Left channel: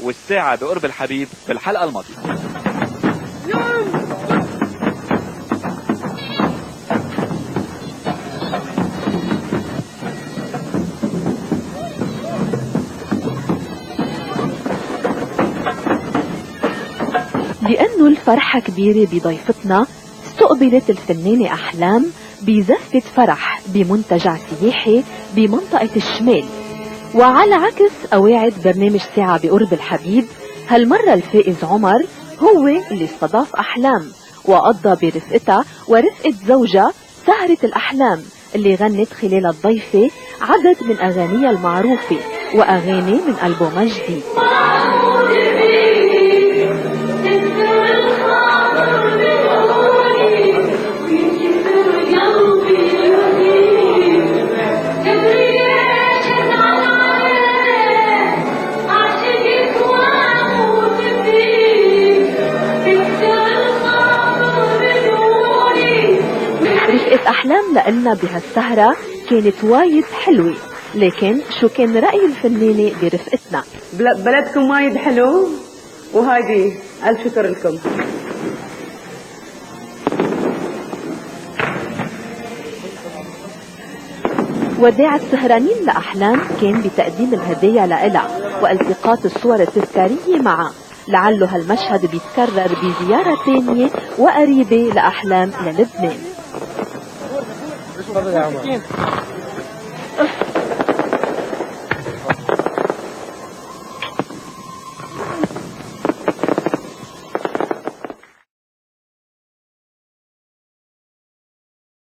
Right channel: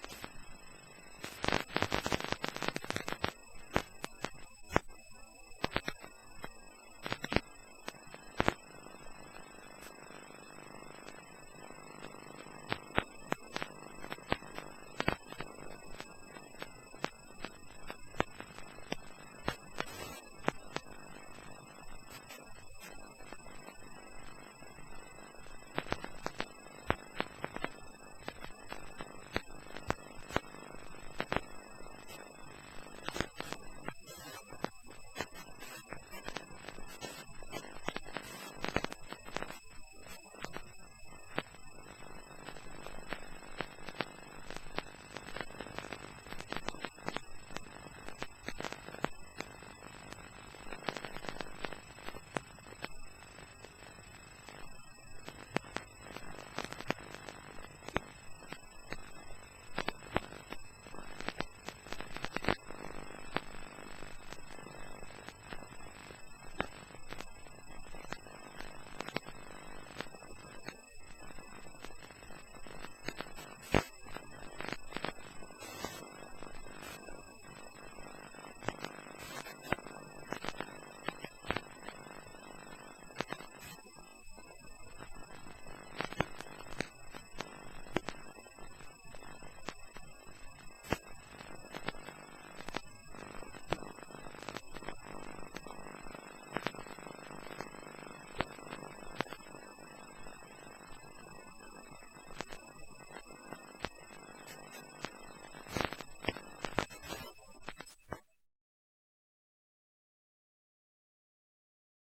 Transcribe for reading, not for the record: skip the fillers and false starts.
والساعة بقرب الحبيب في الحلقة الماضية. لأنه الفرحة كبيرة بضيفتنا، استقبلت الفنانة أحلام بزفة فرح بمنتجع سياحي بمنطقة الشمال. وعلى عكس قواعد برنامج ساعة بقرب الحبيب، هالمرة الفائز عمر هو اللي استضاف أحلام، وقضى برفقتها ورفقة زوجها سهرة الأحلام اللي غنت خلال الضيفة عدد من أغانيها المعروفة وأغاني من ألبومها الجديد. رفقة أحلام لنا بهالسهرة كانت وايد حلوة، لكن شو كان رأي الفنانة برفقتنا؟ بلدكم وايد حلو، وهايدي ألف شكر لكم. وداع السهرانين لأحلام كان بتقديم الهدايا لإلها والتقاط الصور التذكارية معها، لعله هالمشهد بيتكرر بزيارة تانية وقريبة لأحلام للبنان.